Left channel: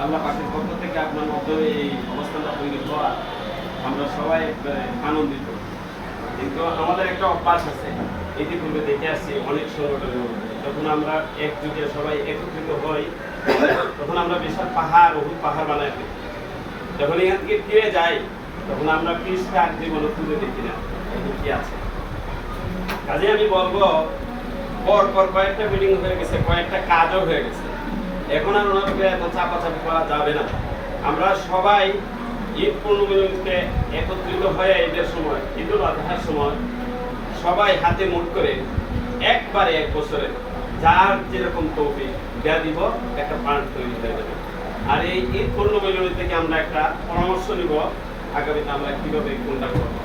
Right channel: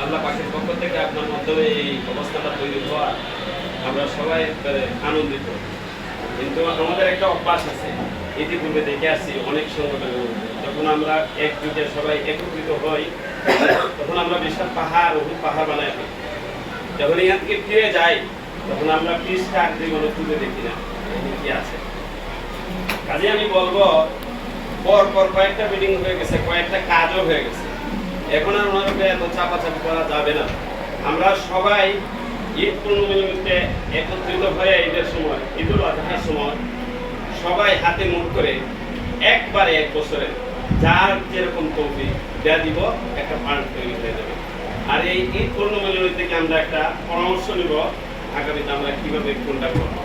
আল্লাহ পাখির পক্ষ থেকে আপনার এই অবস্থাটা তৈরি হওয়া আমরা সবাই আনন্দিত কিন্তু আমাদের একটা অভ্যাস আছে ইতিপূর্বে দেখে আসছি অনেক সংগঠনের মধ্যে যখন আমরা একযোগে সবাই একত্রিত হই তখন আমরা বিশাল পাহাড় বহু পাহাড় বানাই যখন এখান থেকে ফিরে যাই তখন আমরা দেখি না কি আছে। কাজে আমি বলব কয়েকটা মিটিং হয়ে গেছে, কয়েকটা কাজও হয়ে গেছে। এখন আর এত চাপাচাপি করা যাবে না। আমরা সবাই ঈদ পূর্ণমিতে একত্রিত হয়ে ঈদের সময় ঈদুল আজহার সময় সবাই হাতে মুখ করে একবারে এক বছরে যার যেরকম তৌফি দেয়া দিব, একটা ফান্ড তৈরি হয়ে যাবে। আর এই ঈদ পূর্ণমিলনী থেকে আমরা একটা পরামর্শ নিব আগামীতে আমরা কীভাবে কোনটা করব?